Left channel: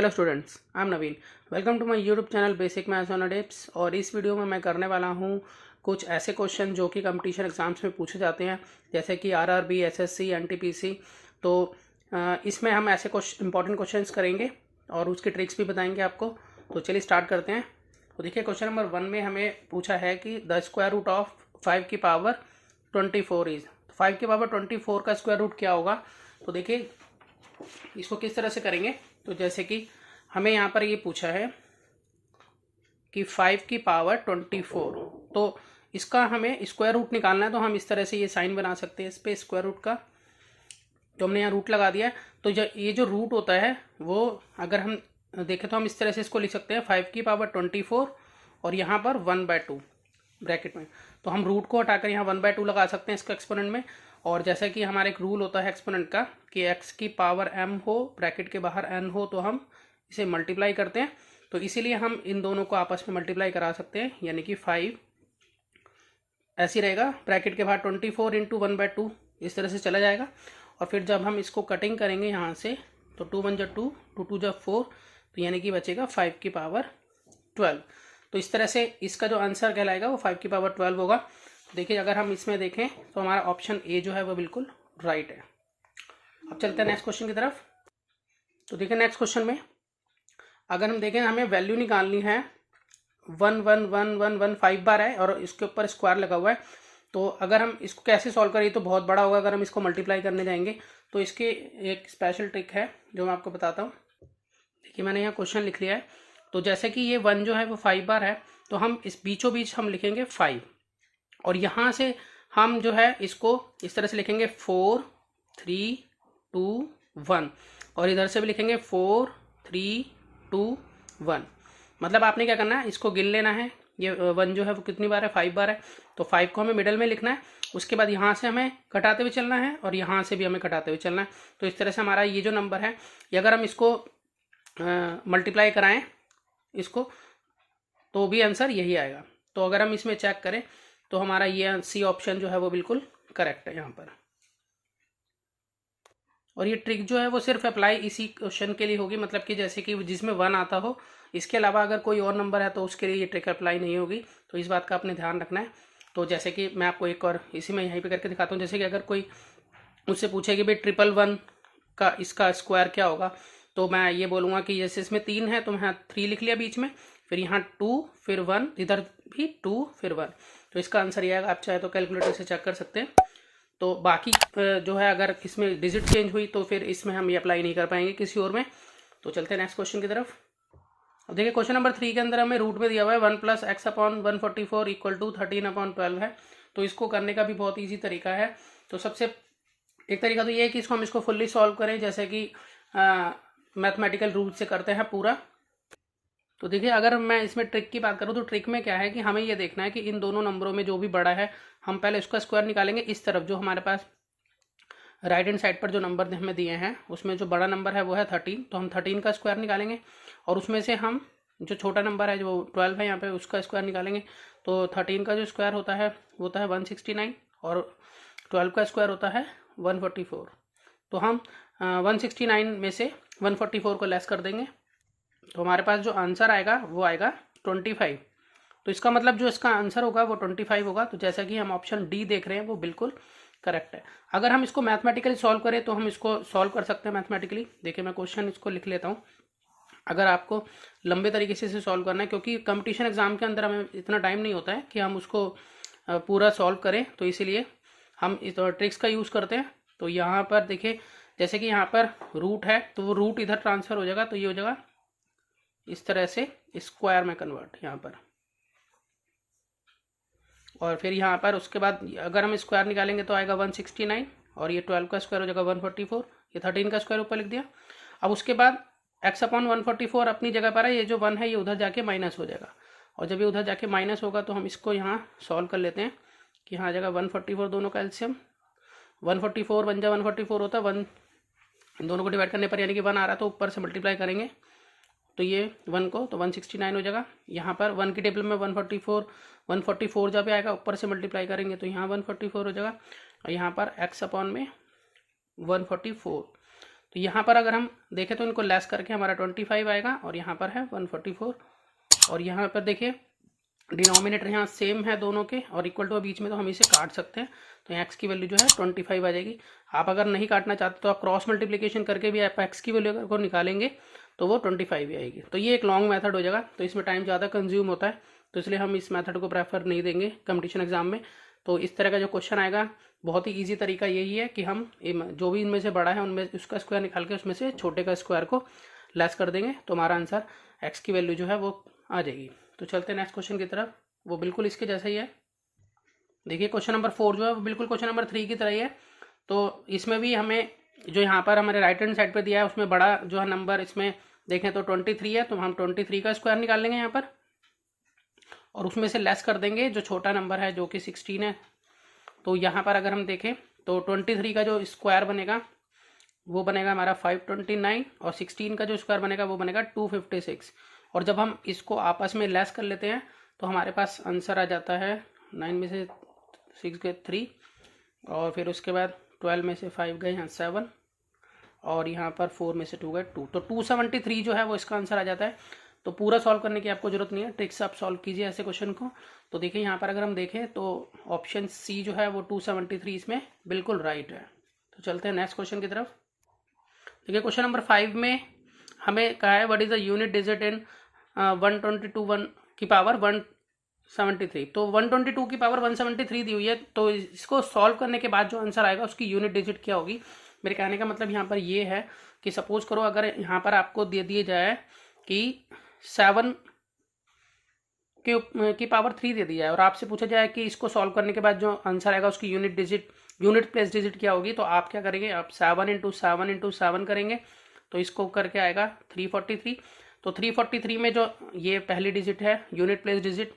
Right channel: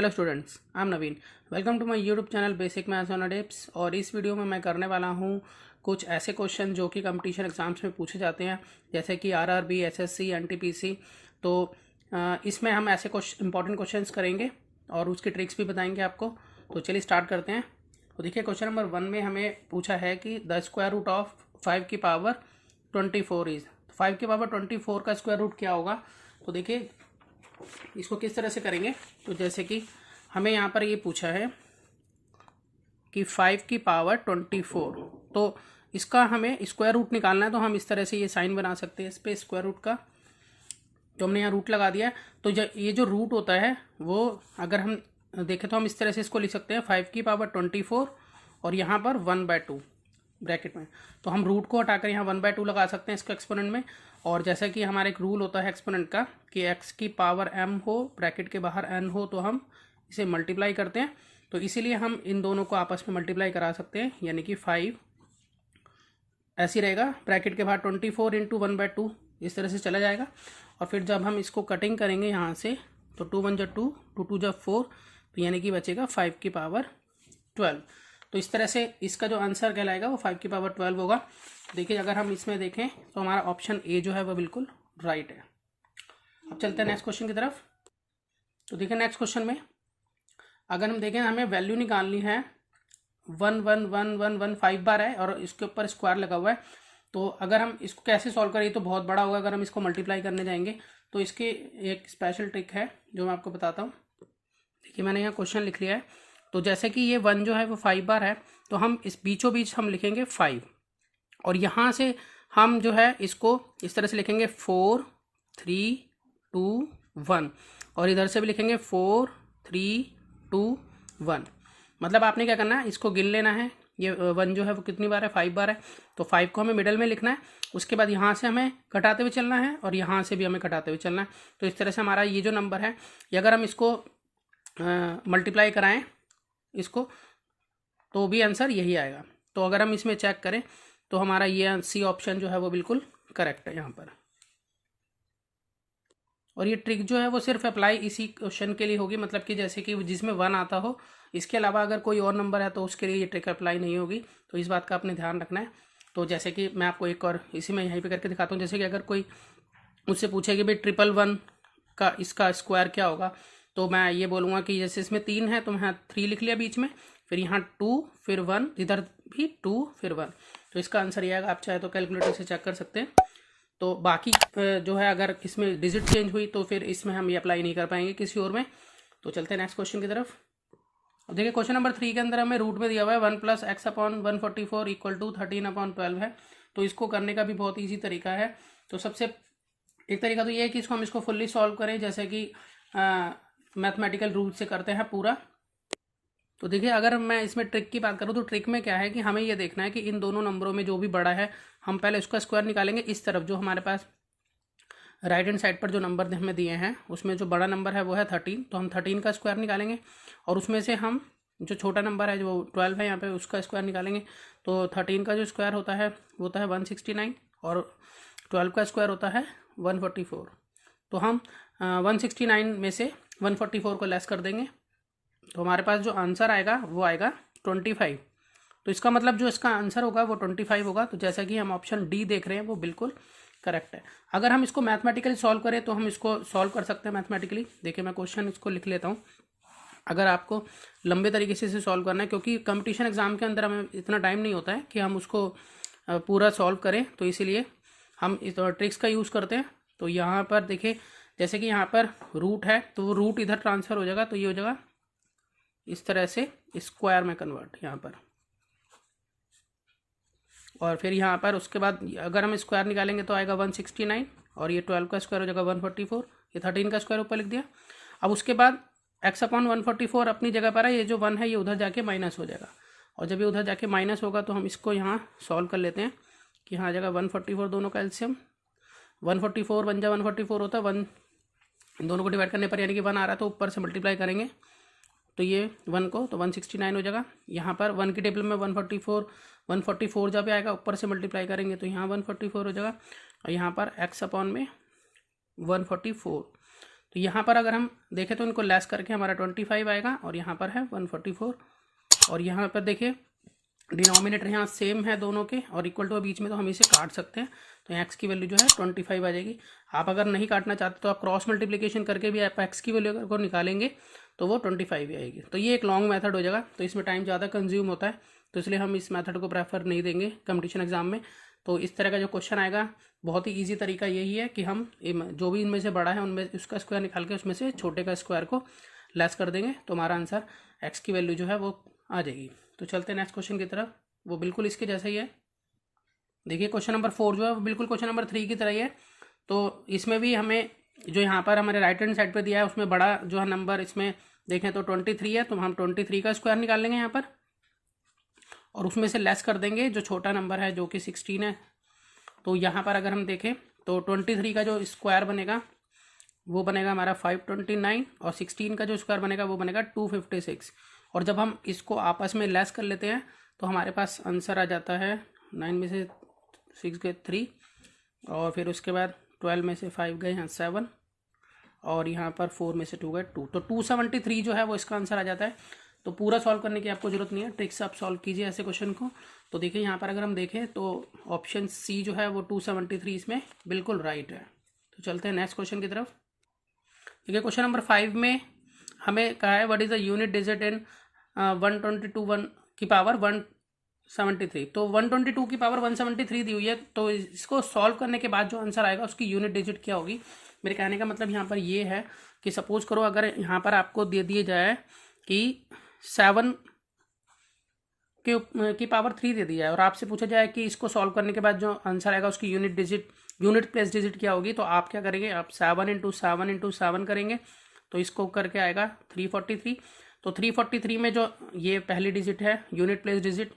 Hello students, I am Naveen. Welcome to my YouTube channel basic maths on tips. और इस video में मैं करने वाला हूं कुछ ऐसे क्वेश्चन जो कि कंपटीशन एग्जाम्स में पूछे जाते हैं, जैसे कि आरआरबी, एसएससी, एनटीपीसी। तो इसमें हम ऐसे इंपॉर्टेंट क्वेश्चंस करेंगे और उसकी ट्रिक्स भी बताएंगे आपको। तो चलिए स्टार्ट करते हैं। तो देखिए, क्वेश्चन नंबर 1 में हमें पूछा है कि द स्क्वायर रूट ऑफ 5 की पावर 24 इज। 5 की पावर 24 का स्क्वायर रूट क्या होगा? तो देखिए, इसको किस तरह से करेंगे। तो जैसे कि हमें यहाँ पर ये पूछा है कि 5 की पावर 24, तो इसका हमें स्क्वायर रूट निकालना है। तो हम इस तरह से ये साइन बना सकते हैं इस पे स्क्वायर रूट का। तो हमने यहाँ रूट लगा दिया है। तो ये जो रूट होता है वो अगर हम देखें तो हम इस तरह से इसको लिख सकते हैं 5 की पावर 24 और यहाँ पर 1/2 ब्रैकेट में। तो हम रूट को हटाकर यहाँ 1/2 लगा सकते हैं इसका एक्सपोनेंट में। और जैसा कि हमारा एक रूल होता है एक्सपोनेंट का कि x की पावर m हो, ब्रैकेट के बाहर n हो, तो हम इसे मल्टीप्लाई करते हैं। तो इसीलिए हम इन दोनों को आपस में मल्टीप्लाई करा सकते हैं, यानी कि 5 ऐसे रहेगा, ब्रैकेट के बाहर 24 इंटू 1/2 इस तरह से चला जाएगा। और फिर जब हम इसको कटिंग करेंगे यहाँ से, तो 2 1 2, 2 2 4, तो यानी कि बचेगा 5 की पावर 12। तो इस तरह से इसका जो आंसर कहलाएगा वो 5 की पावर 12 होगा। देखिए, अगर हम इसमें देखें तो हमारा ऑप्शन ए जो है वो बिल्कुल राइट है। अब चलते हैं नेक्स्ट क्वेश्चन की तरफ। तो देखिए, नेक्स्ट क्वेश्चन में अगर हम देखें, हमें वैल्यू निकालनी है 1 बार है और इसके ऊपर स्क्वायर लगा हुआ है। तो अगर हम इसको कैसे सॉल्व करें तो बहुत बड़ा होगा अगर हम इसको मल्टीप्लाई करने जाएंगे। तो इसकी एक स्पेशल ट्रिक है जो मैं आपको बताता हूँ। देखिए, मैंने यहाँ क्वेश्चन लिख लिया है। तो जैसे कि ये 1 जो है वो 5 बार है, तो हम इस बीचों बीच हम लिखेंगे 5 और यहाँ से हम जो है इसको इस तरह से लिखेंगे 4 3 2 1 और इधर से भी लिखेंगे 4 3 2 1। मतलब आपने क्या करना है, इसको गिन लेना है। ये 1 जो है वो कितनी बार है, 5 बार है। तो 5 को हमें मिडल में लिखना है। उसके बाद यहाँ से हमें घटाते हुए चलना है और यहाँ से भी हमें घटाते हुए चलना है। तो इस तरह से हमारा ये जो नंबर है, ये अगर हम इसको मल्टीप्लाई कराएं इसको, तो भी आंसर यही आएगा। तो अगर हम इसमें चेक करें तो हमारा ये सी ऑप्शन जो है वो बिल्कुल करेक्ट है यहाँ पर। और ये ट्रिक जो है वो सिर्फ अप्लाई इसी क्वेश्चन के लिए होगी, मतलब कि जैसे कि जिसमें 1 आता हो, इसके अलावा अगर कोई और नंबर है तो उसके लिए ये ट्रिक अप्लाई नहीं होगी। तो इस बात का आपने ध्यान रखना है। तो जैसे कि मैं आपको एक और इसी में यहीं पे करके दिखाता हूँ। जैसे कि अगर कोई मुझसे पूछे कि भाई 111 का इसका स्क्वायर क्या होगा, तो मैं ये बोलूँगा कि जैसे इसमें 3 है तो मैं 3 लिख लिया बीच में, फिर यहाँ 2 फिर 1, इधर भी 2 फिर 1। तो इसका आंसर ये आएगा। आप चाहे तो कैलकुलेटर से चेक कर सकते हैं। तो बाकी जो है अगर इसमें डिजिट चेंज हुई तो फिर इसमें हम ये अप्लाई नहीं कर पाएंगे किसी और में। तो चलते हैं नेक्स्ट क्वेश्चन की तरफ। अब देखिए, क्वेश्चन नंबर 3 के अंदर हमें रूट में दिया हुआ है 1 + x/144 = 13/12 है। तो इसको करने का भी बहुत ईजी तरीका है। तो सबसे एक तरीका तो ये है कि इसको हम इसको फुल्ली सॉल्व करें, जैसे कि मैथमेटिकल रूल से करते हैं पूरा। तो देखिए, अगर मैं इसमें ट्रिक की बात करूँ तो ट्रिक में क्या है कि हमें ये देखना है कि इन दोनों नंबरों में जो भी बड़ा है, हम पहले उसका स्क्वायर निकालेंगे। इस तरफ जो हमारे पास राइट हैंड साइड पर जो नंबर हमें दिए हैं उसमें जो बड़ा नंबर है वो है 13, तो हम 13 का स्क्वायर निकालेंगे। और उसमें से हम जो छोटा नंबर है जो 12 है यहाँ पे, उसका स्क्वायर निकालेंगे। तो 13 का जो स्क्वायर होता है वो होता है 169 और 12 का स्क्वायर होता है 144। तो हम 169 में से 144 को लेस कर देंगे, तो हमारे पास जो आंसर आएगा वो आएगा 25। तो इसका मतलब जो इसका आंसर होगा वो 25 होगा। तो जैसा कि हम ऑप्शन डी देख रहे हैं वो बिल्कुल करेक्ट है। अगर हम इसको मैथमेटिकली सॉल्व करें तो हम इसको सॉल्व कर सकते हैं मैथमेटिकली। देखिए, मैं क्वेश्चन इसको लिख लेता हूँ। अगर आपको लंबे तरीके से इसे सॉल्व करना है, क्योंकि कंपटीशन एग्जाम के अंदर हमें इतना टाइम नहीं होता है कि हम उसको पूरा सॉल्व करें, तो इसीलिए हम इस ट्रिक्स का यूज़ करते हैं। तो यहाँ पर देखिए, जैसे कि यहाँ पर रूट है तो वो रूट इधर ट्रांसफ़र हो जाएगा, तो ये हो जाएगा इस तरह से स्क्वायर में कन्वर्ट यहाँ पर। और फिर यहाँ पर उसके बाद अगर हम स्क्वायर निकालेंगे तो आएगा 169 और ये 12 का स्क्वायर हो जाएगा 144, ये 13 का स्क्वायर ऊपर लिख दिया। अब उसके बाद x/144 अपनी जगह पर है, ये जो 1 है ये उधर जाके माइनस हो जाएगा। और जब ये उधर जाके माइनस होगा तो हम इसको यहाँ सॉल्व कर लेते हैं कि यहाँ आ जाएगा 144, दोनों का एलसीएम 144 1 जा 144 होता है, 1 इन दोनों को डिवाइड करने पर यानी कि 1 आ रहा है तो ऊपर से मल्टीप्लाई करेंगे तो ये 1 को तो 169 हो जाएगा। यहाँ पर 1 की टेबल में 144 जब आएगा ऊपर से मल्टीप्लाई करेंगे तो यहाँ 144 हो जाएगा और यहाँ पर x/में 144। तो यहाँ पर अगर हम देखें तो इनको लेस करके हमारा 25 आएगा और यहाँ पर है 144। और यहाँ पर देखिए डिनोमिनेटर यहाँ सेम है दोनों के और इक्वल टू बीच में, तो हम इसे काट सकते हैं। तो एक्स की वैल्यू जो है 25 आ जाएगी। आप अगर नहीं काटना चाहते तो आप क्रॉस मल्टीप्लिकेशन करके भी आप एक्स की वैल्यू अगर को निकालेंगे तो वो 25 ही आएगी। तो ये एक लॉन्ग मेथड हो जाएगा, तो इसमें टाइम ज़्यादा कंज्यूम होता है, तो इसलिए हम इस मेथड को प्रेफर नहीं देंगे कंपटीशन एग्जाम में। तो इस तरह का जो क्वेश्चन आएगा बहुत ही ईजी तरीका यही है कि हम जो भी इनमें से बड़ा है उनमें उसका स्क्वायर निकाल के उसमें से छोटे का स्क्वायर को लेस कर देंगे, तो हमारा आंसर एक्स की वैल्यू जो है वो आ जाएगी। तो चलते हैं नेक्स्ट क्वेश्चन की तरफ, वो बिल्कुल इसके जैसा ही है। देखिए क्वेश्चन नंबर 4 जो है वो बिल्कुल क्वेश्चन नंबर 3 की तरह ही है। तो इसमें भी हमें जो यहाँ पर हमारे राइट हैंड साइड पे दिया है उसमें बड़ा जो है नंबर इसमें देखें तो 23 है, तो हम 23 का स्क्वायर निकाल लेंगे यहाँ पर और उसमें से लेस कर देंगे जो छोटा नंबर है जो कि 16 है। तो यहाँ पर अगर हम देखें तो 23 का जो स्क्वायर बनेगा वो बनेगा हमारा 529 और 16 का जो स्क्वायर बनेगा वो बनेगा 256। और जब हम इसको आपस में लेस कर लेते हैं तो हमारे पास आंसर आ जाता है 9 में से 6 गए 3 और फिर उसके बाद 12 में से 5 गए हैं 7 और यहाँ पर 4 में से 2 गए 2, तो 273 जो है वो इसका आंसर आ जाता है। तो पूरा सॉल्व करने की आपको जरूरत नहीं है, ट्रिक से आप सॉल्व कीजिए ऐसे क्वेश्चन को। तो देखिए यहाँ पर अगर हम देखें तो ऑप्शन सी जो है वो 273 इसमें बिल्कुल राइट है। तो चलते हैं नेक्स्ट क्वेश्चन की तरफ। देखिए क्वेश्चन नंबर 5 में हमें कहा है what is the unit digit in 122 की पावर 173। तो 122 की पावर 173 दी हुई है, तो इसको सॉल्व करने के बाद जो आंसर आएगा उसकी यूनिट डिजिट क्या होगी। मेरे कहने का मतलब यहाँ पर ये है कि सपोज करो अगर यहाँ पर आपको दे दिए जाए कि 7 की पावर 3 दे दी जाए और आपसे पूछा जाए कि इसको सॉल्व करने के बाद जो आंसर आएगा उसकी यूनिट प्लेस डिजिट क्या होगी, तो आप क्या करेंगे, आप 7 इंटू 7 इंटू 7 करेंगे तो इसको करके आएगा 343। तो 343 में जो ये पहली डिजिट है यूनिट प्लेस डिजिट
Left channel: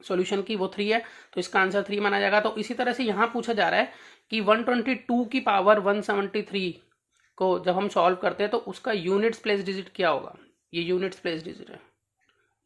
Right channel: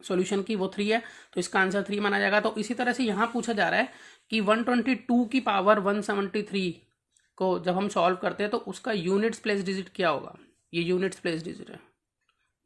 सॉल्यूशन की वो 3 है, तो इसका आंसर 3 माना जाएगा। तो इसी तरह से यहाँ पूछा जा रहा है कि 122 की पावर 173 को जब हम सॉल्व करते हैं तो उसका यूनिट्स प्लेस डिजिट क्या होगा। ये यूनिट्स प्लेस डिजिट है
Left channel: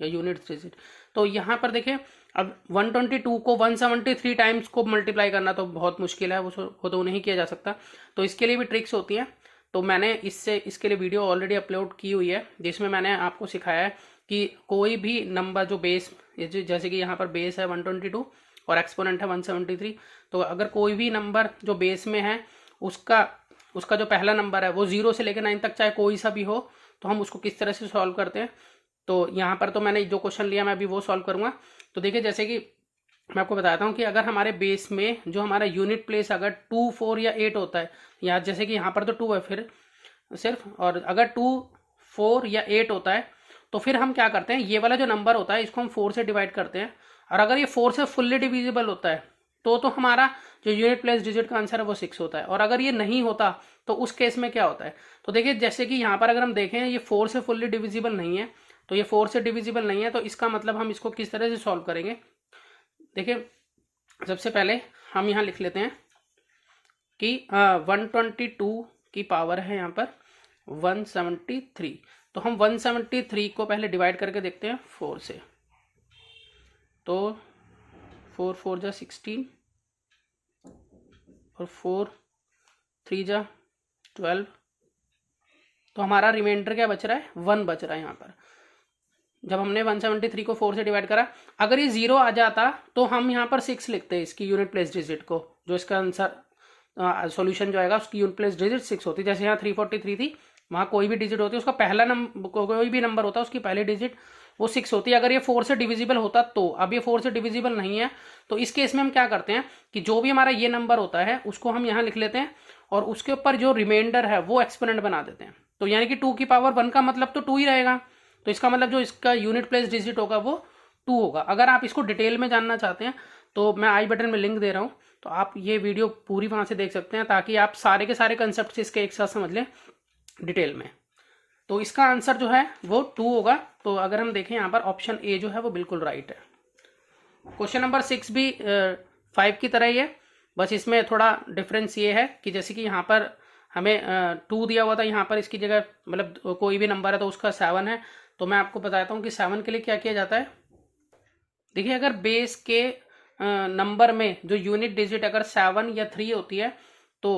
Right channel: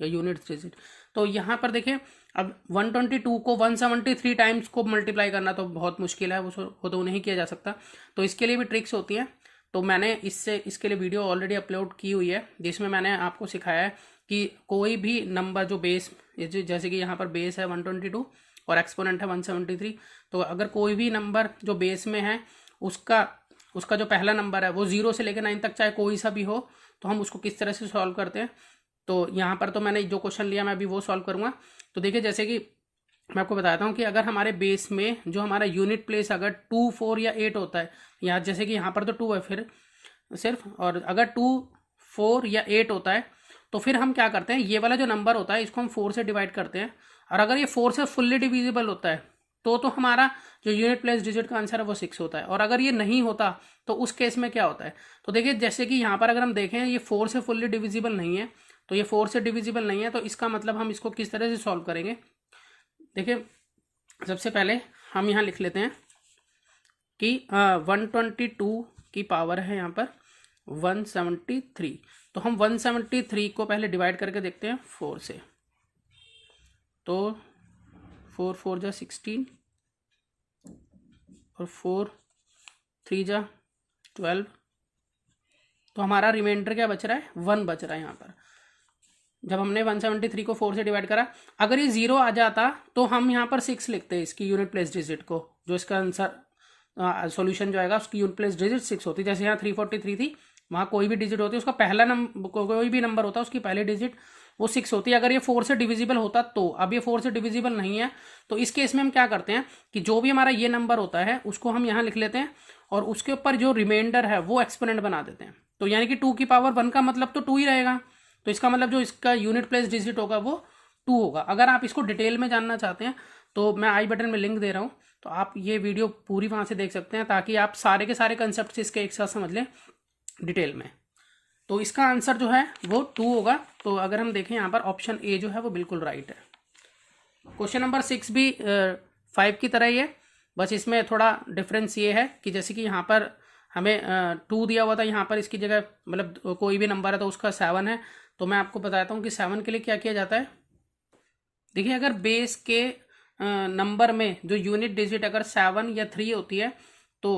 या यूनिट्स डिजिट। तो यहाँ पर देखिए अब 122 को 173 टाइम्स को मल्टीप्लाई करना तो बहुत मुश्किल है, वो तो नहीं किया जा सकता। तो इसके लिए भी ट्रिक्स होती हैं, तो मैंने इसके लिए वीडियो ऑलरेडी अपलोड की हुई है जिसमें मैंने आपको सिखाया है कि कोई भी नंबर जो बेस, जैसे कि यहाँ पर बेस है 122 और एक्सपोनेंट है 173, तो अगर कोई भी नंबर जो बेस में है उसका जो पहला नंबर है वो 0 से लेकर 9 तक चाहे कोई सा भी हो, तो हम उसको किस तरह से सॉल्व करते हैं। तो यहाँ पर तो मैंने जो क्वेश्चन लिया मैं अभी वो सॉल्व करूँगा। तो देखिए जैसे कि मैं आपको बताता हूँ कि अगर हमारे बेस में जो हमारा यूनिट प्लेस अगर 2, 4 या 8 होता है, या जैसे कि यहाँ पर तो 2 है फिर सिर्फ, और अगर 2, 4 या 8 होता है तो फिर हम क्या करते हैं, ये वाला जो नंबर होता है इसको हम 4 से डिवाइड करते हैं, और अगर ये 4 से फुल्ली डिविजिबल होता है तो हमारा जो यूनिट प्लेस डिजिट का आंसर है वो 6 होता है। और अगर ये नहीं होता तो उस केस में क्या होता है, तो देखिए जैसे कि यहाँ पर अगर हम देखें ये 4 से फुल्ली डिविजिबल नहीं है, तो ये 4 से डिविजिबल नहीं है, तो इसका मतलब हम इसको किस तरह से सॉल्व करेंगे। देखिए सबसे पहले हम यहाँ लिख लेते हैं कि 122 की पावर है यहाँ पर 173, तो हम 173 को पहले डिवाइड करके देखते हैं 4 से। तो 4 4 जा 16 और 4 3 जा 12, तो हमारा रिमाइंडर क्या बच रहा है, 1 बच रहा है यहाँ पर। जब हमने 173 को 4 से डिवाइड करा, अगर ये 0 आ जाता तो हम यहाँ पर 6 लिखते हैं इसकी यूनिट प्लेस डिजिट को, जो इसका आंसर सॉल्यूशन जो आएगा उसकी यूनिट प्लेस डिजिट 6 होती। जैसे यहाँ 343 थी, वहाँ कोई भी डिजिट होती है उसका पहला नंबर, कोई भी नंबर होता है उसकी पहली डिजिट वो 6 होती है। अगर ये 4 से डिविजिबल होता तो, अब ये 4 से डिविजिबल नहीं है, तो इस केस में हम क्या करते हैं कि जो भी हमारा ये नंबर होता है उसको हम यहाँ लिख लेते हैं और उसके ऊपर जो रिमाइंडर है वो एक्सपोनेंट बना देते हैं। तो यानी कि 2 की पावर 1 का मतलब तो 2 ही रहेगा, तो इसका मतलब जो इसका यूनिट प्लेस डिजिट होगा वो 2 होगा। अगर आप इसको डिटेल में जानना चाहते हैं तो मैं आई बटन में लिंक दे रहा हूँ, तो आप ये वीडियो पूरी वहाँ से देख सकते हैं ताकि आप सारे के सारे कंसेप्ट इसके एक साथ समझ लें डिटेल में। तो इसका आंसर जो है वो 2 होगा। तो अगर हम देखें यहाँ पर ऑप्शन ए जो है वो बिल्कुल राइट है। क्वेश्चन नंबर 6 भी 5 की तरह ही है, बस इसमें थोड़ा डिफरेंस ये है कि जैसे कि यहाँ पर हमें 2 दिया हुआ था, यहाँ पर इसकी जगह मतलब कोई भी नंबर है तो उसका 7 है। तो मैं आपको बताता हूँ कि 7 के लिए क्या किया जाता है। देखिए अगर बेस के नंबर में जो यूनिट डिजिट अगर 7 या 3 होती है तो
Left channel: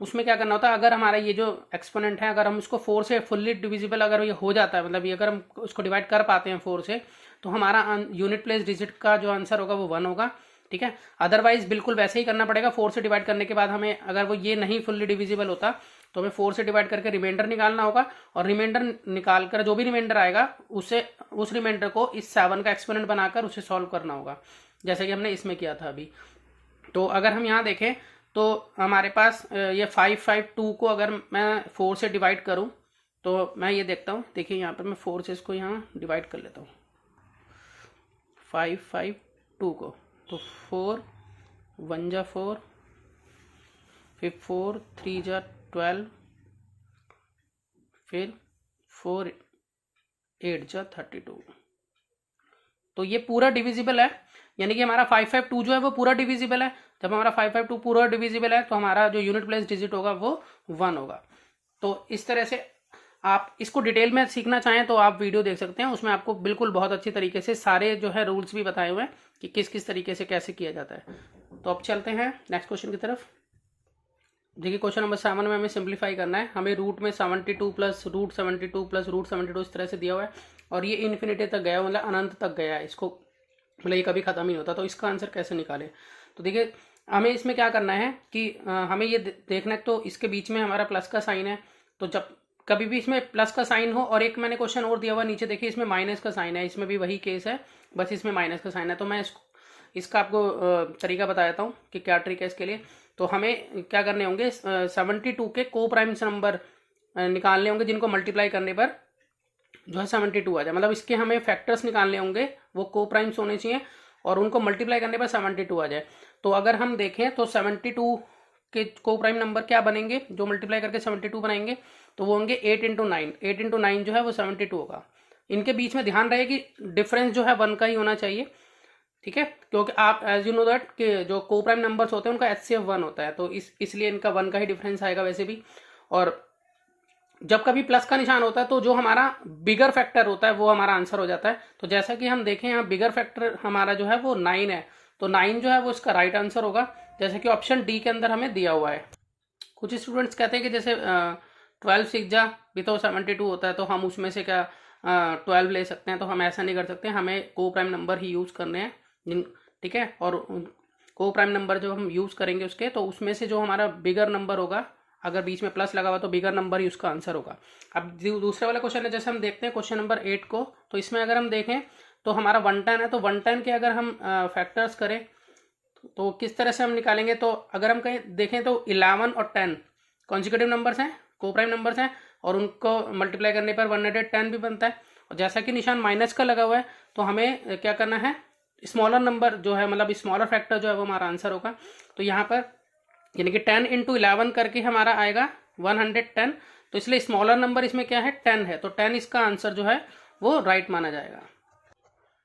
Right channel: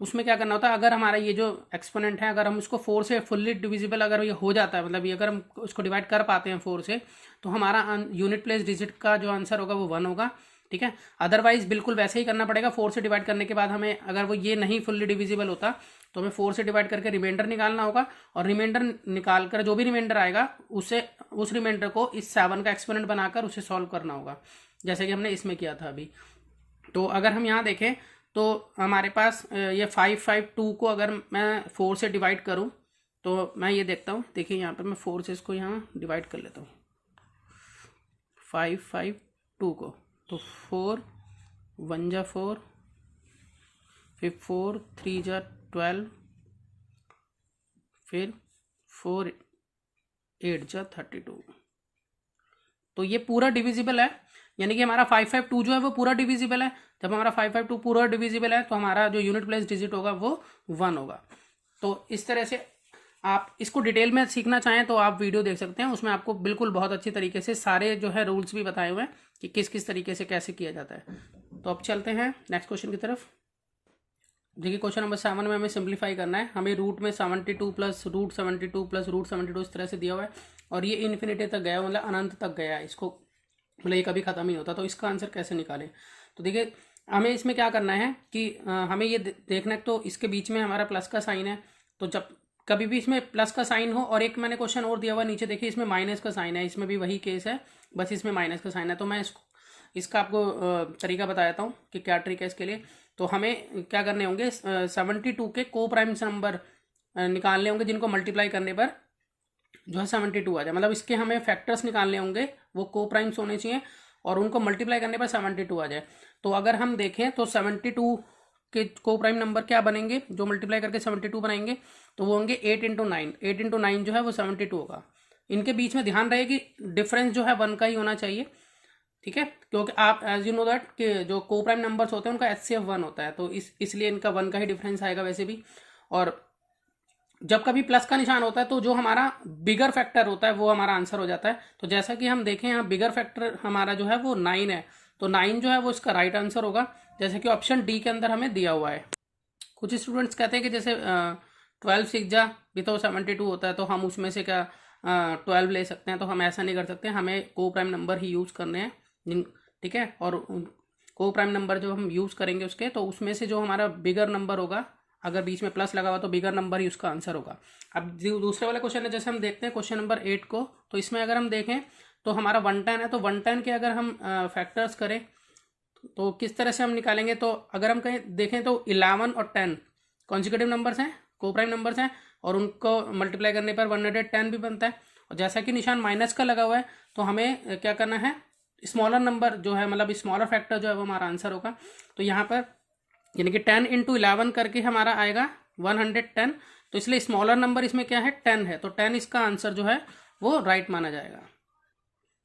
उसमें क्या करना होता है, अगर हमारा ये जो एक्सपोनेंट है अगर हम उसको 4 से फुल्ली डिविजिबल अगर ये हो जाता है, मतलब ये अगर हम उसको डिवाइड कर पाते हैं 4 से, तो हमारा यूनिट प्लेस डिजिट का जो आंसर होगा वो 1 होगा। ठीक है, अदरवाइज बिल्कुल वैसे ही करना पड़ेगा। 4 से डिवाइड करने के बाद हमें अगर वो ये नहीं फुल्ली डिविजिबल होता तो हमें 4 से डिवाइड करके रिमाइंडर निकालना होगा, और रिमाइंडर निकाल कर जो भी रिमाइंडर आएगा उसे उस रिमाइंडर को इस 7 का एक्सपोनेंट बनाकर उसे सॉल्व करना होगा, जैसे कि हमने इसमें किया था अभी। तो अगर हम यहाँ देखें तो हमारे पास ये 552 को अगर मैं 4 से डिवाइड करूँ तो मैं ये देखता हूँ, देखिए यहाँ पर मैं 4 से इसको यहाँ डिवाइड कर लेता हूँ 552 को। तो 4 1 जा 4, फिर 4 3 जा 12, फिर 4 8 जा 32। तो ये पूरा डिविजिबल है, यानी कि हमारा 552 जो है वो पूरा डिविजिबल है। जब हमारा 552 पूरा डिविजिबल है तो हमारा जो यूनिट प्लेस डिजिट होगा वो 1 होगा। तो इस तरह से आप इसको डिटेल में सीखना चाहें तो आप वीडियो देख सकते हैं, उसमें आपको बिल्कुल बहुत अच्छी तरीके से सारे जो है रूल्स भी बताए हुए हैं कि किस किस तरीके से कैसे किया जाता है। तो अब चलते हैं नेक्स्ट क्वेश्चन की तरफ। देखिए क्वेश्चन नंबर 7 में हमें सिंप्लीफाई करना है। हमें रूट में 72 प्लस रूट 72 प्लस रूट 72 इस तरह से दिया हुआ है, और ये इन्फिनिटी तक गया, मतलब अनंत तक गया है, इसको मतलब ये कभी खत्म ही होता। तो इसका आंसर कैसे निकालें? तो देखिए हमें इसमें क्या करना है कि हमें ये देखना है, तो इसके बीच में हमारा प्लस का साइन है, तो जब कभी भी इसमें प्लस का साइन हो, और एक मैंने क्वेश्चन और दिया हुआ नीचे देखिए इसमें माइनस का साइन है, इसमें भी वही केस है, बस इसमें माइनस का साइन है। तो मैं इसका आपको तरीका बता देता हूँ कि क्या ट्रिक है इसके लिए। तो हमें क्या करने होंगे, 72 के को प्राइम्स नंबर निकालने होंगे जिनको मल्टीप्लाई करने पर जो है 72 आ जाए, मतलब इसके हमें फैक्टर्स निकालने होंगे, वो को प्राइम्स होने चाहिए और उनको मल्टीप्लाई करने पर 72 आ जाए। तो अगर हम देखें तो 72 के को प्राइम नंबर क्या बनेंगे जो मल्टीप्लाई करके 72 बनाएंगे, तो वो होंगे 8 इंटू 9। 8 इंटू 9 जो है वो 72 होगा। इनके बीच में ध्यान रहे कि डिफरेंस जो है 1 का ही होना चाहिए, ठीक है, क्योंकि आप एज यू नो दैट कि जो को प्राइम नंबर्स होते हैं उनका HCF 1 होता है, तो इसलिए इनका 1 का ही डिफरेंस आएगा वैसे भी। और जब कभी प्लस का निशान होता है तो जो हमारा बिगर फैक्टर होता है वो हमारा आंसर हो जाता है। तो जैसा कि हम देखें यहाँ बिगर फैक्टर हमारा जो है वो 9 है, तो 9 जो है वो इसका राइट आंसर होगा, जैसे कि ऑप्शन डी के अंदर हमें दिया हुआ है। कुछ स्टूडेंट्स कहते हैं कि जैसे 12 6 जा भी तो 72 होता है, तो हम उसमें से क्या 12 ले सकते हैं, तो हम ऐसा नहीं कर सकते, हमें को प्राइम नंबर ही यूज़ करने हैं, ठीक है। और को प्राइम नंबर जो हम यूज़ करेंगे उसके, तो उसमें से जो हमारा बिगर नंबर होगा, अगर बीच में प्लस लगा हुआ तो बिगर नंबर ही उसका आंसर होगा। अब दूसरे वाला क्वेश्चन है, जैसे हम देखते हैं क्वेश्चन नंबर 8 को, तो इसमें अगर हम देखें तो हमारा 110 है, तो 110 के अगर हम फैक्टर्स करें तो किस तरह से हम निकालेंगे। तो अगर हम कहीं देखें तो 11 और 10 कॉन्जिक्यूटिव नंबर्स हैं, को प्राइम नंबर्स हैं, और उनको मल्टीप्लाई करने पर 110 भी बनता है। और जैसा कि निशान माइनस का लगा हुआ है तो हमें क्या करना है, स्मॉलर नंबर जो है मतलब स्मॉलर फैक्टर जो है वो हमारा आंसर होगा। तो यहाँ पर यानी कि 10 इंटू 11 करके हमारा आएगा 110, तो इसलिए स्मॉलर नंबर इसमें क्या है 10 है, तो 10 इसका आंसर जो है वो राइट माना जाएगा।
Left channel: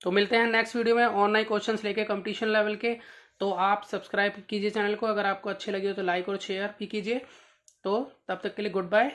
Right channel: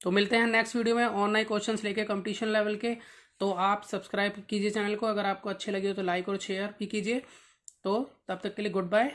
तो मिलते हैं नेक्स्ट वीडियो में और नए क्वेश्चंस लेके कंपटीशन लेवल के। तो आप सब्सक्राइब कीजिए चैनल को, अगर आपको अच्छे लगे हो तो लाइक और शेयर भी कीजिए। तो तब तक के लिए गुड बाय।